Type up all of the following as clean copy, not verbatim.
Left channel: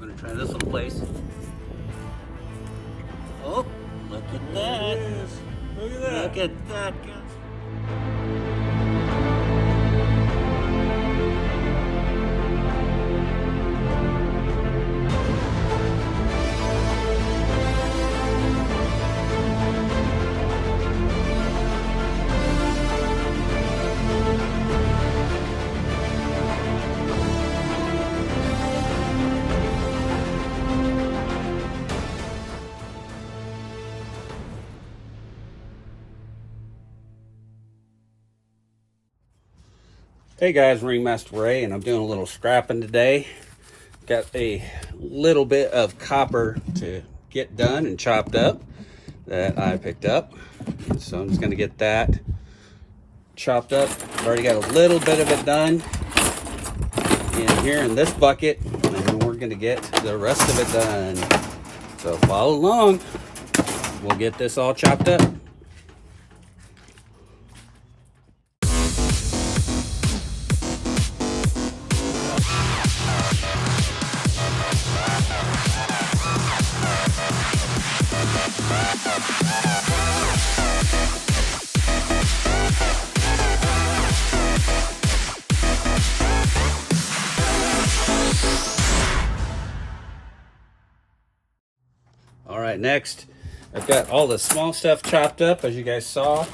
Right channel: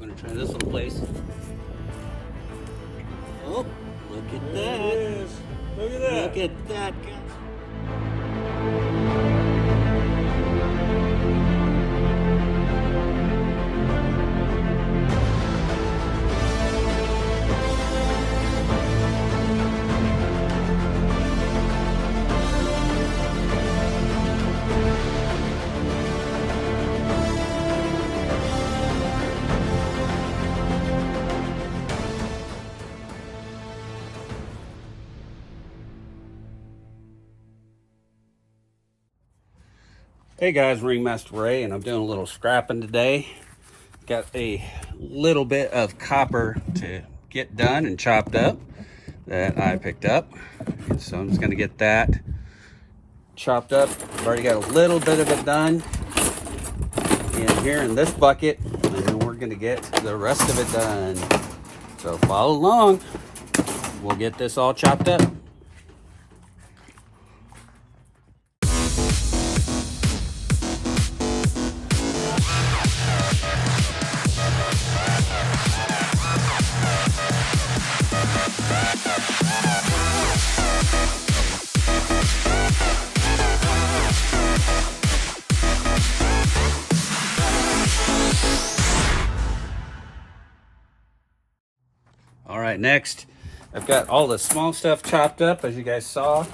We're gonna try this little place. Oh, look at There that. it is. Look at that. Look at that, guys. Hey guys, Ringmaster Ray, and I'm doing a little scrapping today. Got a little bit of copper to get done and chopped up that I picked up. So I'm just gonna get that chopped up. I've already got a little bit of it done in here in this bucket, and then we're gonna get the rest of it done. So follow along. We'll get this all chopped up. All right, next, I've got all the small stuff chopped up, as you guys saw,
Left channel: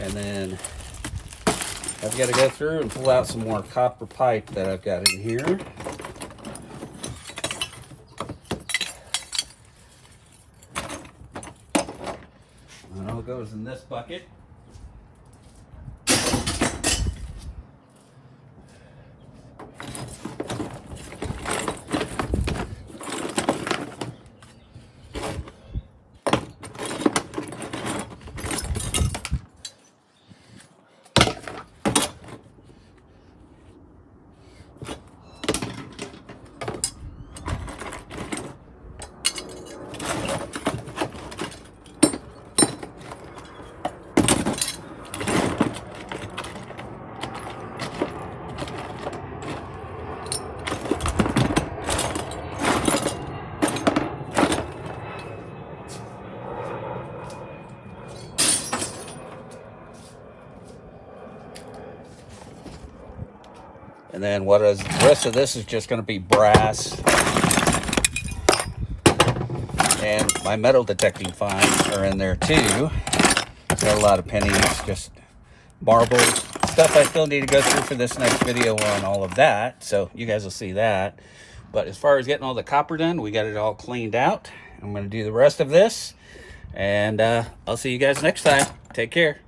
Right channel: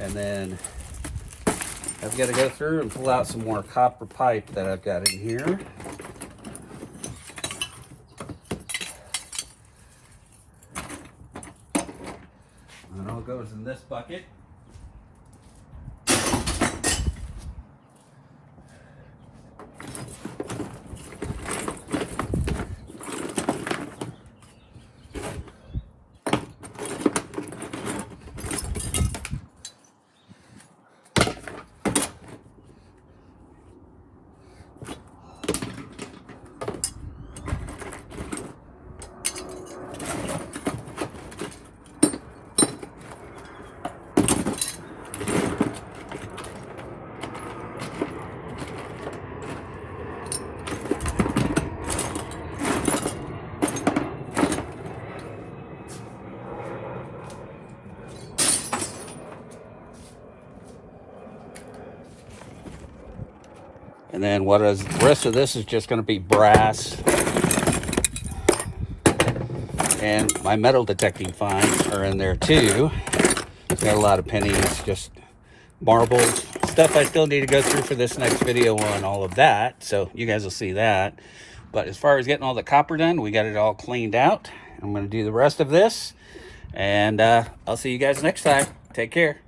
and then I've got to go through and pull out some more copper pipe that I've got in here. And it all goes in this bucket. And then the rest of this is just going to be brass. And my metal detecting finds are in there too. Got a lot of pennies, just marbles, stuff I still need to go through for this next video on all of that. So you guys will see that. But as far as getting all the copper done, we got it all cleaned out. I'm going to do the rest of this. And I'll see you guys next time. Take care.